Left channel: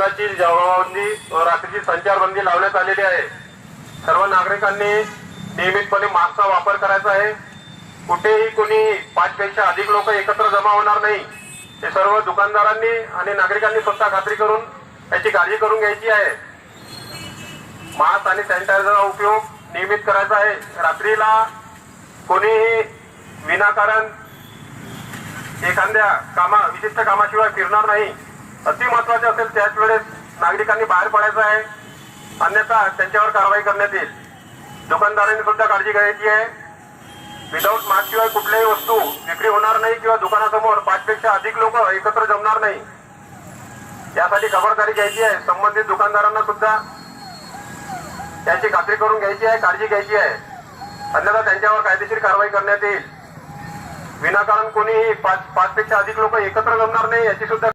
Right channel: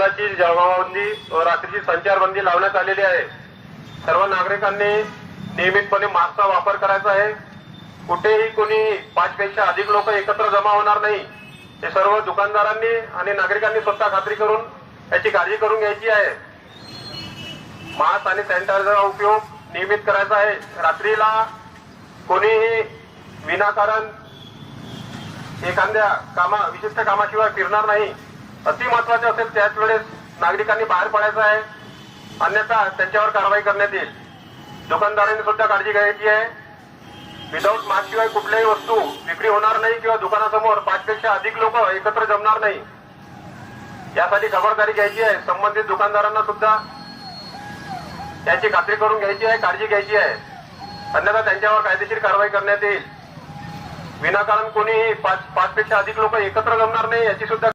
दिवसाची जमावबंदी व रात्रीची संचारबंदी लावण्यात आलेली आहे। सर्व नागरिकांनी नियमितपणे मास्कचा वापर करायचा आहे। कुठेही कोणी 5 पेक्षा अधिक लोक एकत्र जमा होणार नाही, हे सर्व दुकानदारांनी आणि नागरिकांनी स्वतः खात्री करून याची काळजी करून घ्यायची आहे। मास्क आणि सॅनिटायझरचा उपयोग नियमित करायचा आहे। रात्रीला कोणीही विनाकारण एखाद्या विशिष्ट कामाशिवाय फिरणार नाही। अति महत्वाचे असेल त्याच वेळेस नागरिकांनी बाहेर पडायचं आहे, अन्यथा त्यांच्यावर कारवाई करण्यात येईल। दुकानदारांनी सुद्धा काळजी घ्यायची आहे। विदाऊट मास्क शिवाय कुठल्याही वस्तू विक्री होणार नाही किंवा दुकानासमोर 5 पेक्षा अधिक लोक एकत्र जमणार नाही, यासाठी खबरदारी घ्यायची आहे। संबंधित दुकानदारांना सुद्धा त्यांची खात्री करून घ्यायची आहे, काळजी घ्यायची आहे, अन्यथा त्यांच्यावर कायदेशीर कारवाई करण्यात येईल। विनाकारण कोणीही 5 पेक्षा अधिक लोक एकत्र जमणार नाही याची सुद्धा